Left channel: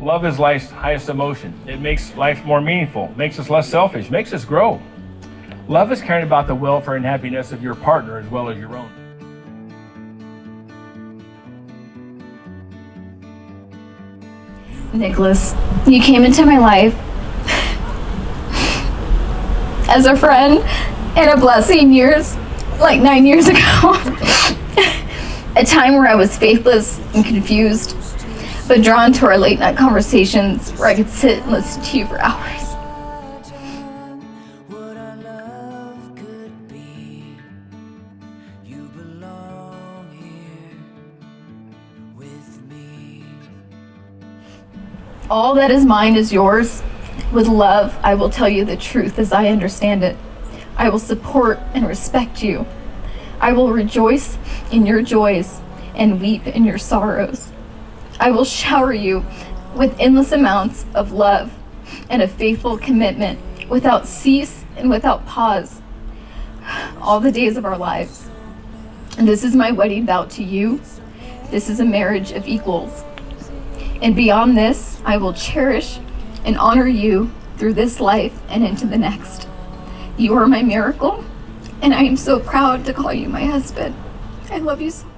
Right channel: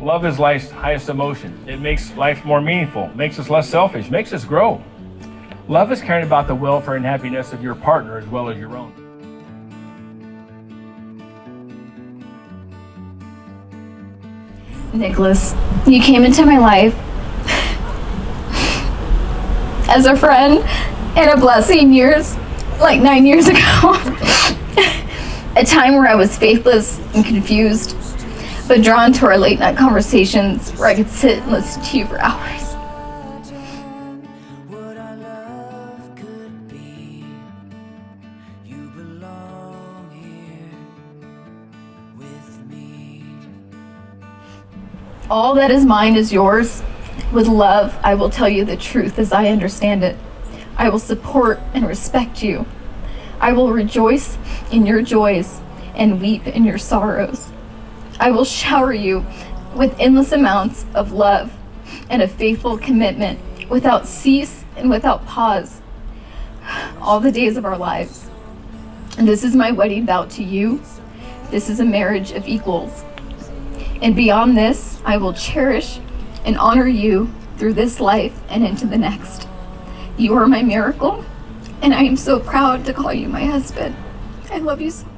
Love is life's highest emotion. It makes life more meaningful, makes us less selfish, makes us grow. Love is caring about the welfare and happiness of your partner as well as your own. Nicholas, you came into my life as a friend and a blessing like 9 years ago. A time where I was faithless and confused, but drawn to our late night conversations where I could sit and listen to you for hours. All that is mine is yours. With love, I will tell you the truth as I understand it. I will support and respect you. I will rejoice in your joys and weep in your sorrows. I will shower you with endless amounts of love and a faithful commitment without cease and without pause all the days of our lives. And this is my wedding vow to you. This is a marriage of equals. And beyond this, I will cherish and honor you through this life and into the next. You are my miracle, and I am so proud to call you my husband. I love you so much.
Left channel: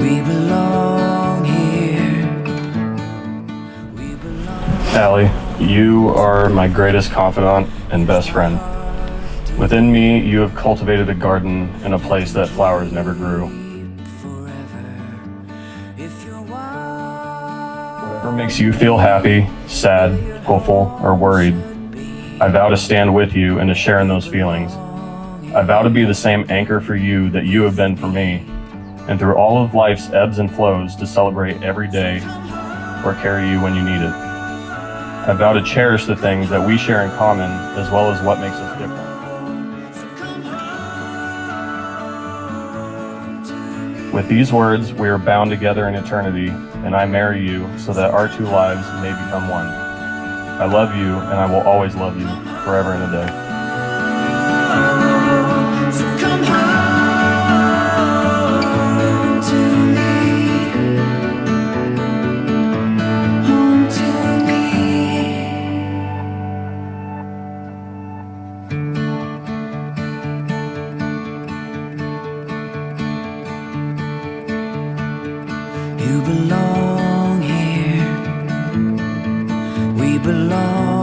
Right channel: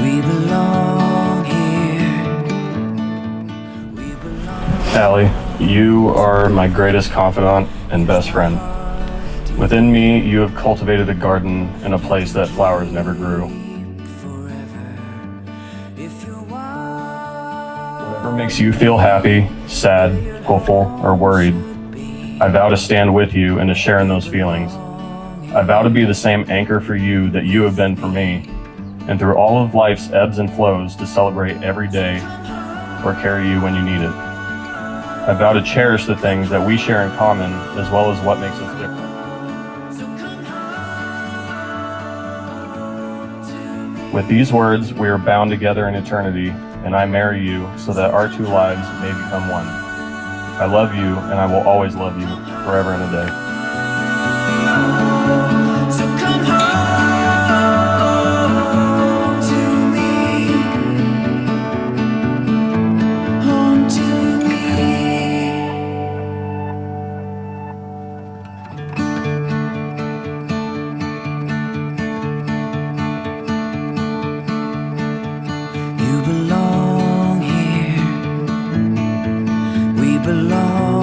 We belong here. Allie, you are my greatest confidant and best friend. Within me, you have cultivated a garden in a place that flowers never grew. Whatever makes you feel happy, sad, hopeful, or worried, I vow to stand with you and to share in those feelings. I vow to be the same anchor for you that you have been for me, and through all of life's ebbs and flows to celebrate every day or carry you when you need it. I vow to cherish the things that we share in common as well as what makes us different. With these words, we are bound together in eternity, and I marry you so that our two lives may become one. I love you, and I will always love you, forever and a day. You belong here. We belong.